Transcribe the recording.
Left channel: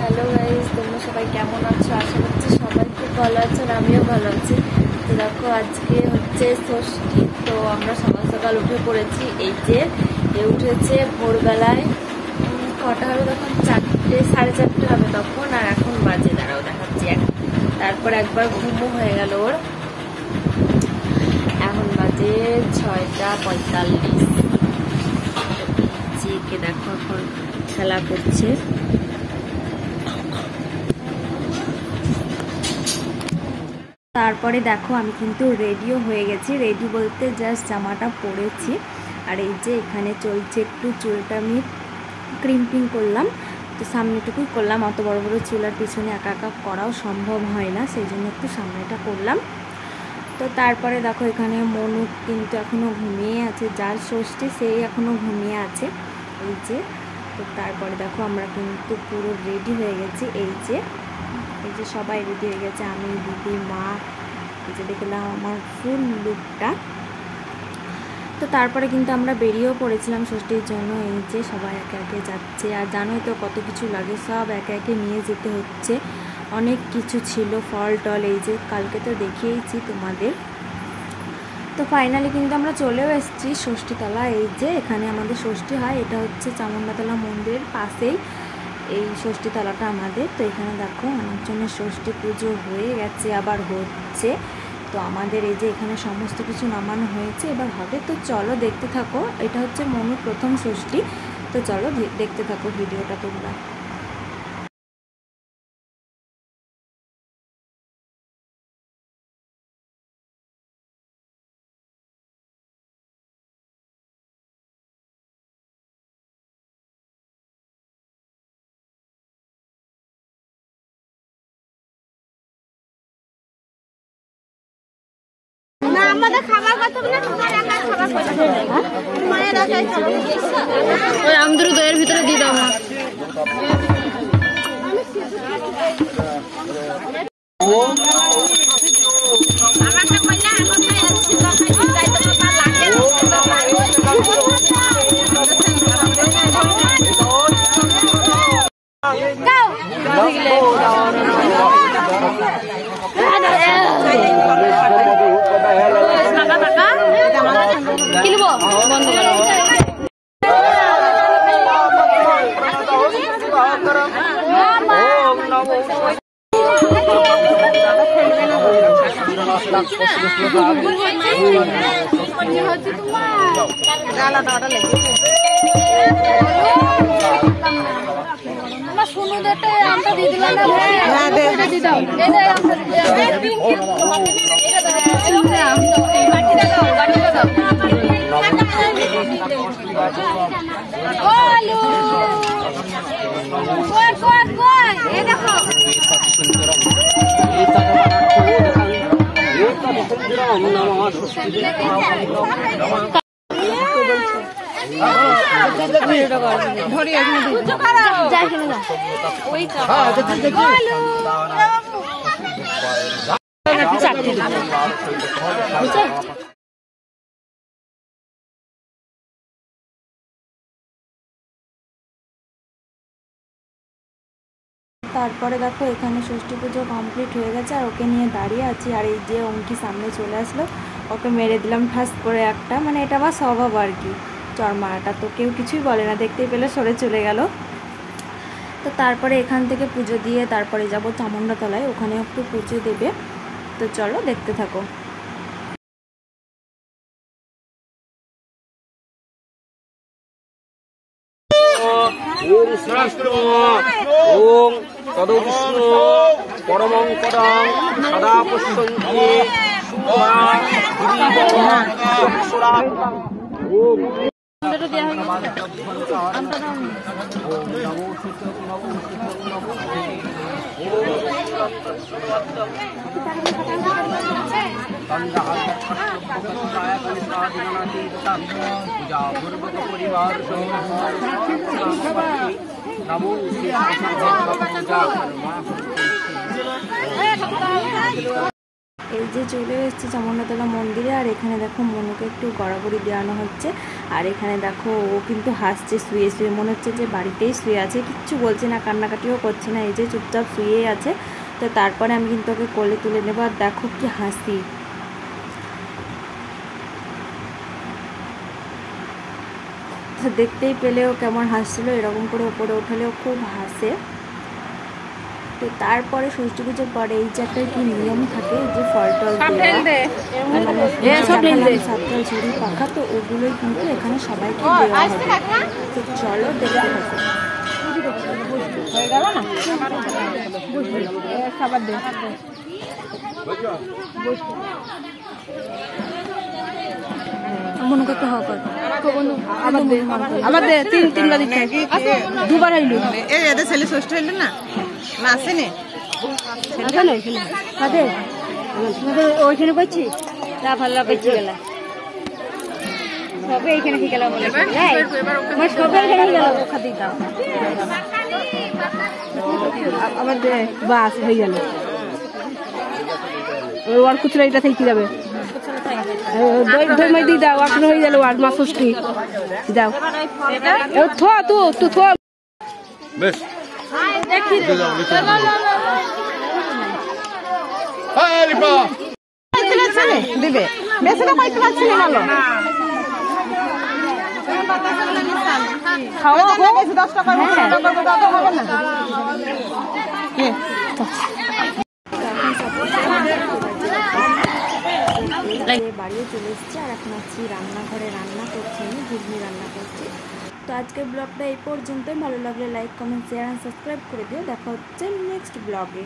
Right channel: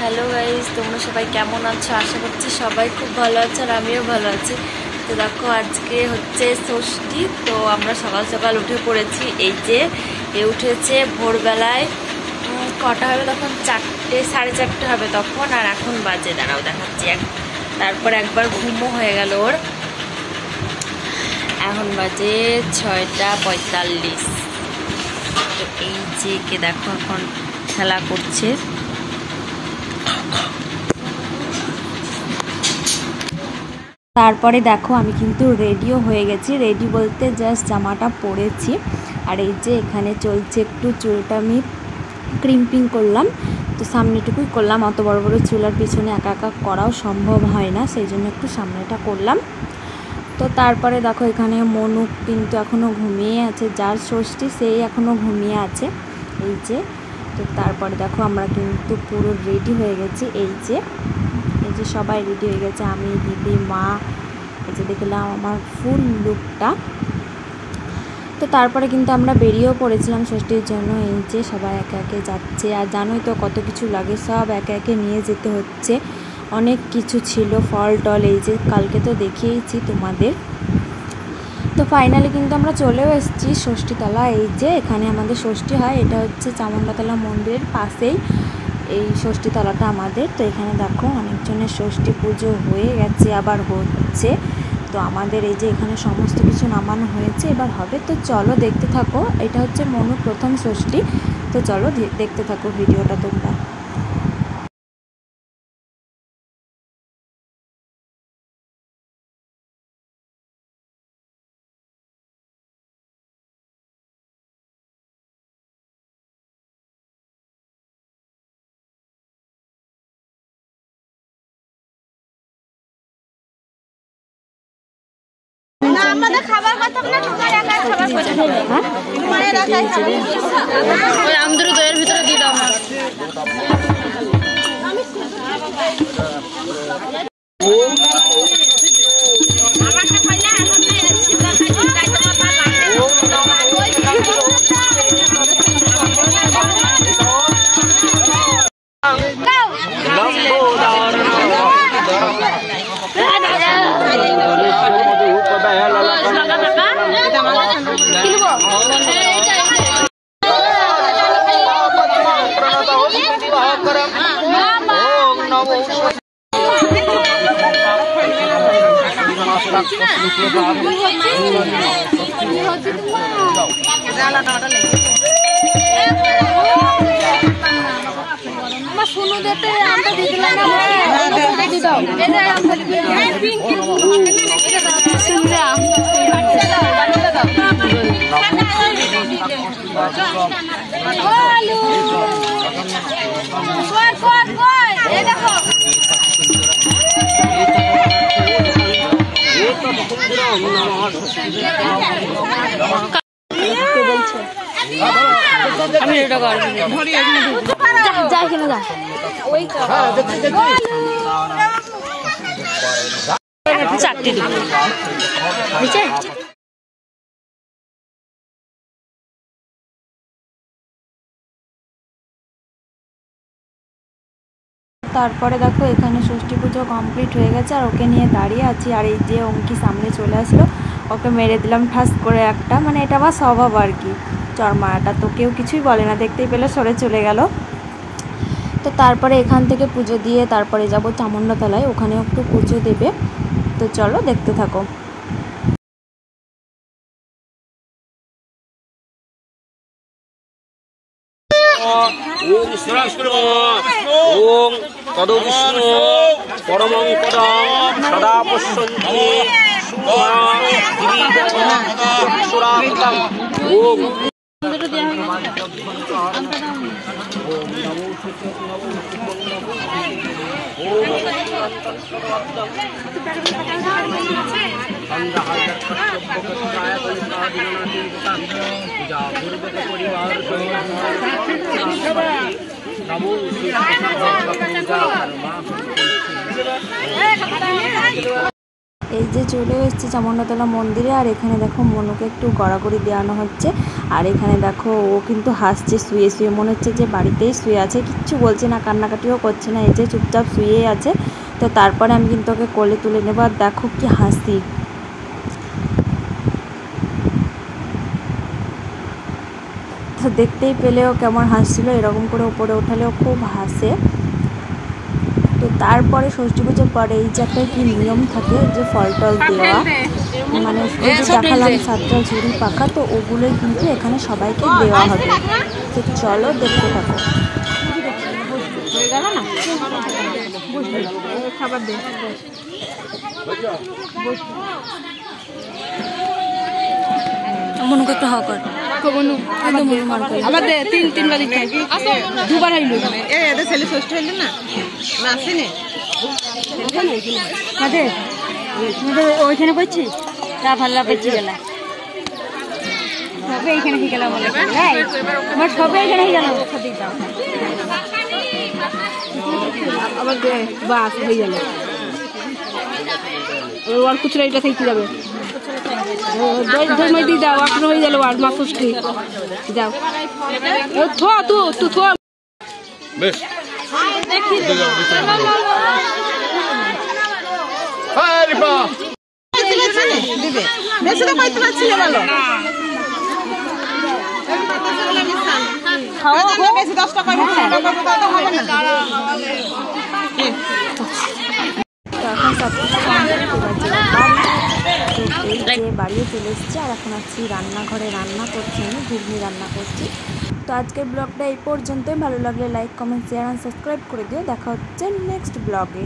Hello guys, তোমরা সবাই কেমন আছো? আশা করছি সবাই খুব ভালো আছো আর আমিও ভালো আছি। তো দেখো, আজকে হচ্ছে ষষ্ঠী। তো আমরা সকাল সকাল উঠে পড়েছি। এই যে উঠেছে ভোরবেলায়, কটা হবে তখন? 4টে, 4:30 হবে তখন। আর এখন বাজে, দাঁড়াও দেখাচ্ছি তারপর একবার ঘুমও হয়ে গেল ওর। এখন বাজে 6:45। তো এই যে কে দেখো এখন খেলা করছে। তারপরে দেখো আমি কিন্তু রেডিও হয়ে গেছি। রেডি বলতে জাস্ট জামাটা পরেছি। আর এই যে এখানে চলছে একটু চুলটা আমি ক্রিম্পিং করলাম। তো সামনেটুকুই করলাম, অত বড় বড় চুলার পিছনে একা একা করাও সম্ভব হয় না, সেই জন্য একটু সামনেটা করলাম। তো তারপরে দেখো এখানে মনু কিন্তু এখনও ঘুমিয়ে আছে, যার ষষ্ঠী সেই এখনও ঘুমিয়ে আছে। এই যে, তো তারপরে দেখো আমরা কিন্তু পুরো রেডি হয়ে গেছি। এই যে সবাই রেডি হয়ে গেছে, আমি, দিদি, মা। এই যে দেখলাম আমার ফুল লুকটা। তো তারপরে কিন্তু আমরা বেরিয়েও পড়েছিলাম ষষ্ঠীর জন্য। এই যে সবাই একে একে যাচ্ছে, আর জানোই তো কত কিছু লাগে, সব একে একে নিয়ে যেতে হচ্ছে। অনেক কিছু ছিল, ফল টল, এই যে কালকে তো দেখিয়েছি তোমাদের। তো ফাইনালি কিন্তু আমরা চলেও এসেছি ষষ্ঠীতলা। এই যে এখানে আমাদের ষষ্ঠী হয়, এটা হচ্ছে চামুণ্ডাতলা মন্দিরের পাশেই এই ষষ্ঠীতলাটা আমাদের। তো এখানে দেখো অনেকজনের ষষ্ঠী পুজো হয়ে গেছে, আবার হচ্ছে। তো আমাদের এই যে এখানে সমস্ত কিছু নামানো হয়েছে, এবার হবে। তো চলো দেখতে থাকো, এটা হচ্ছে মনুর প্রথম ষষ্ঠী। তো চলো দেখতে থাকো ভিডিওটা তোমরা। আমাদের খাবার কথা না, তোমার একা খাবার করে দেবে। তোমার একা ওই আমদুর দইয়ের ভিতরে দিয়ে দাও। আমি এটা করবো, যাই কিনা যা ওই 4টি দেবো নিচে। তারপরে দেখো এখানে ষষ্ঠী পুজো কমপ্লিট হয়ে গেছে, আর ওকে নিয়ে দাঁড়িয়ে আছি। আর এই যে অঙ্কি সামনে চলে আসলো, ওকে মেরে দিলাম ঠাস করে একটা, মানে এটা আমার স্বভাব আর কি, চরমাটা। তো কেউ কিছুই বলে না, দেখতেই পেলে সরে চলে গেল। তো তারপরে এখান থেকে পুজো দিয়ে তারপরে যাব চামুণ্ডাতলায়, ওখানেও একটু পুজো দেবে। তো চলো দেখতে থাকো। ওম ওম তদ বিষ্ণু পরমং পদং সদা পশ্যন্তি ওম এই যে চলে এসেছি চামুন্ডাতলা মন্দিরে। আর এখানে দেখো মনুকে একটু গড়াগড়ি দেওয়ানো হচ্ছে। আর এখানে দেখো ও কিন্তু হাসছে শুয়ে শুয়ে, মনে হচ্ছে যে বাড়িতেই শুয়ে আছে, কিচ্ছু বলছে না, কান্নাকাটিও করছে না, এই যে চুপচাপ শুয়েই আছে। তো তারপরে আমি কিন্তু ওকে কোলে তুলে নেবো। আর দেখো কি হাসি, দেখতেই পেলেও কেমন হাসছিল, এরকম করে উপরে ওঠালেও খুব হাসে। তো তারপরে ষষ্ঠী পুজোর পরে এই যে একটা কি নিয়ম থাকে, যে ফল টল দেওয়া, মানে দেখালাম 7টা ঝুড়ি পাখা, তো ওগুলোই কিন্তু এখানে সবাইকে দেওয়া হবে। তো চলো দেখতে থাকো। খাবার দে, মনুকে একটু হ কর, আবার দে, তিনবার দিকে দুবার হইল। এদের ছেলে ষষ্ঠ হইল না, আসেনি ওইখানে পড়ছি, তা ভাল্লা পেয়েছি গেল, সবে এইখানে হয়ে গেল বলে, আমার সবে এখানে হয়ে গেল, খাতে দাও আবার দে, বাস হয়ে গেল। ওর খুচরা এটা থেকে যাবে, দই মাই দিয়ে দাও, আপনার হয়ে গেল আর মা ষষ্ঠী যাও। থো তু থো বেশ দিবে বেশি না পাইতে পারছি না, ভালো খাওয়া বেশি 10 টাকা হবে না। বাড়িও চলে এসেছি। আর এখন আছি রান্নাঘরে, রান্না করছি, আমি ঘুগনি রান্না করছি। তো আজকের ব্লগটা এই পর্যন্তই। ভালো লাগলে like, comment, share and subscribe করে দিও। দেখা হচ্ছে নেক্সট ব্লগে।